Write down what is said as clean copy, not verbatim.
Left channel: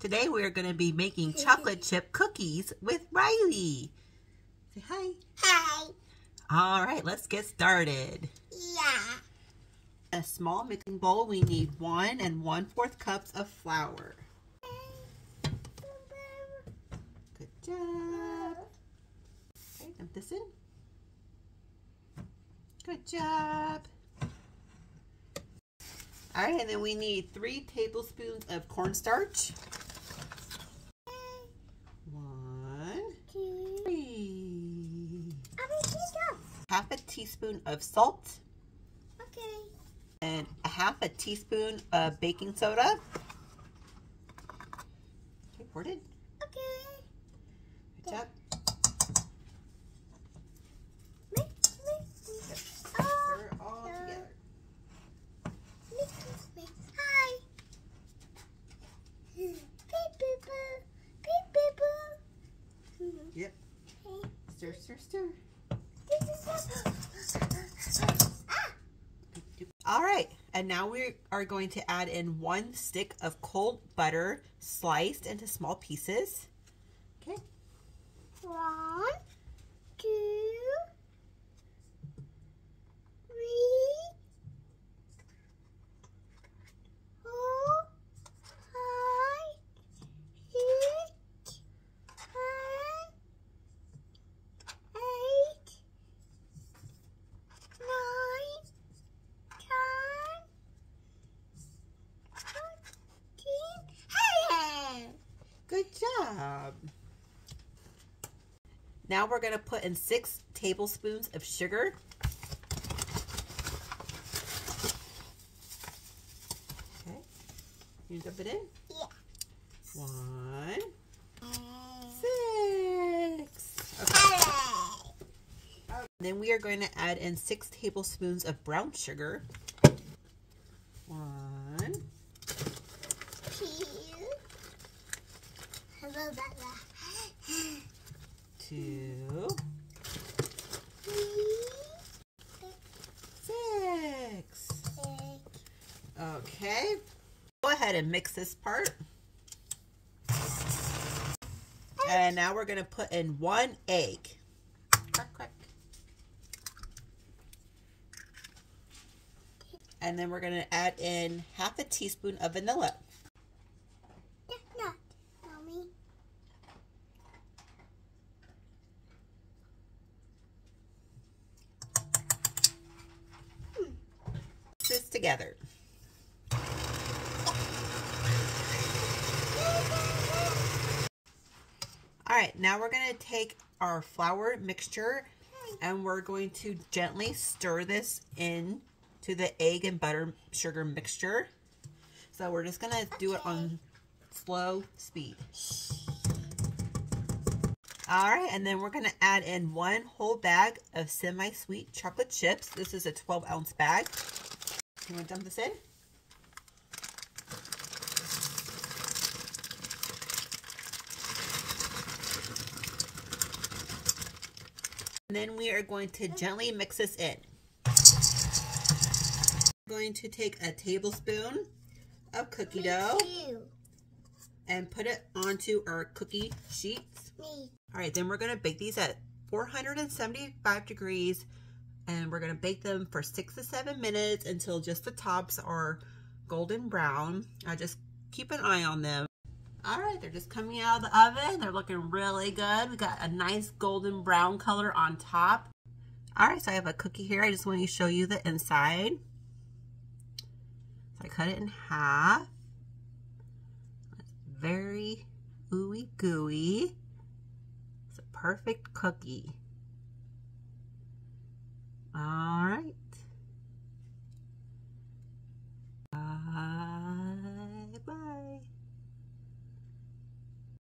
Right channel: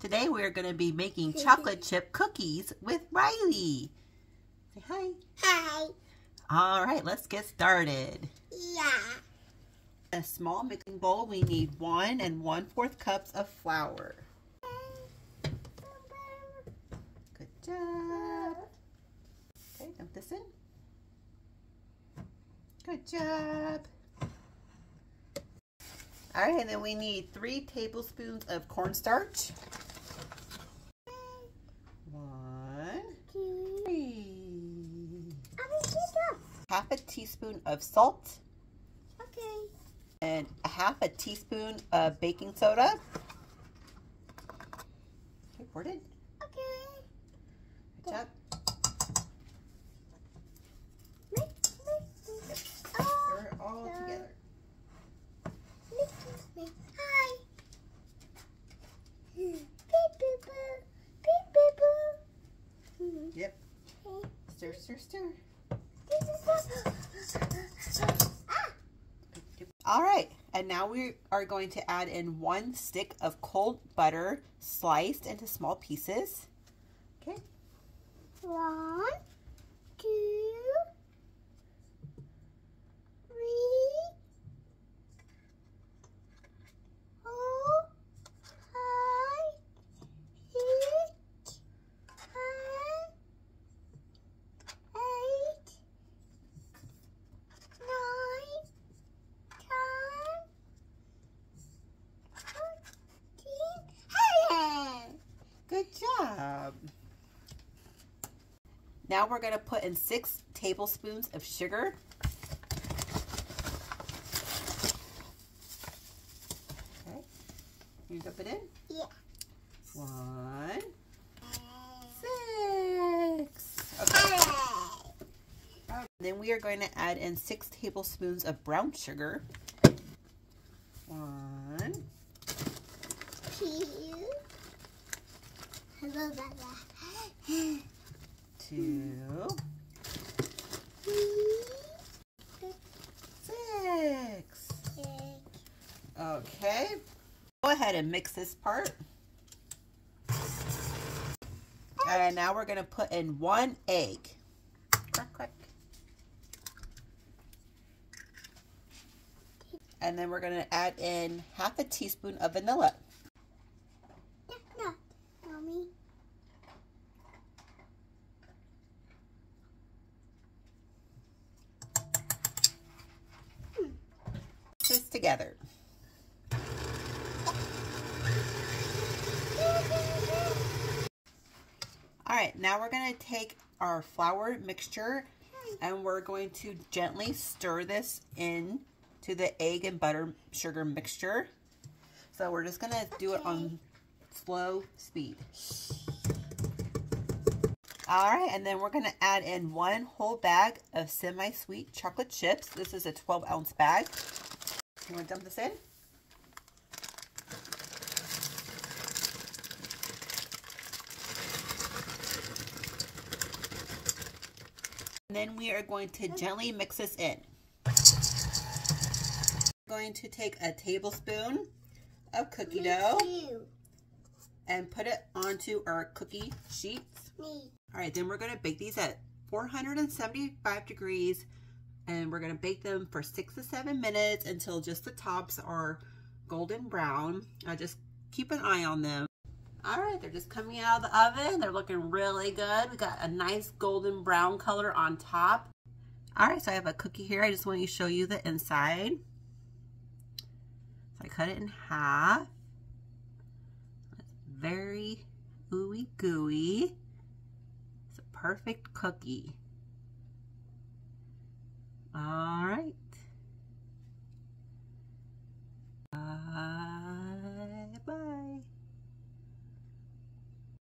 Today we're going to be making chocolate chip cookies with Riley. Say hi. Hi. All right, let's get started. Yeah. A small mixing bowl, we need 1 1/4 cups of flour. Good job. Okay, dump this in. Good job. All right, and then we need 3 tablespoons of cornstarch. 1, 2, 3. Half a teaspoon of salt. Okay. And a half a teaspoon of baking soda. Okay, poured it. Okay. Good job. Stir it all together. Hi. Beep beep boo. Beep beep boo. Yep. Stir, stir, stir. All right, and now we are going to add in 1 stick of cold butter sliced into small pieces. Okay. 1, 2, 3, 4, 5, 6, 7, 8, 9, 10, 14. Good job. Now we're going to put in 6 tablespoons of sugar. Okay. Can you dump it in? Yeah. 1, 6. Okay. Then we are going to add in 6 tablespoons of brown sugar. 1, 2, 2, 6. Okay. Go ahead and mix this part. And now we're going to put in 1 egg. Crack, crack. And then we're going to add in half a teaspoon of vanilla. No, Mommy. Mix this together. All right, now we're going to take our flour mixture and we're going to gently stir this in to the egg and butter sugar mixture. So we're just going to do it on slow speed. All right, and then we're going to add in 1 whole bag of semi-sweet chocolate chips. This is a 12-ounce bag. You want to dump this in? And then we are going to gently mix this in. We're going to take a tablespoon of cookie dough and put it onto our cookie sheets. All right, then we're going to bake these at 475 degrees and we're going to bake them for 6 to 7 minutes until just the tops are golden brown. Just keep an eye on them. All right, they're just coming out of the oven. They're looking really good. We got a nice golden brown color on top. All right, so I have a cookie here. I just want to show you the inside. So I cut it in half. It's very ooey gooey. It's a perfect cookie. All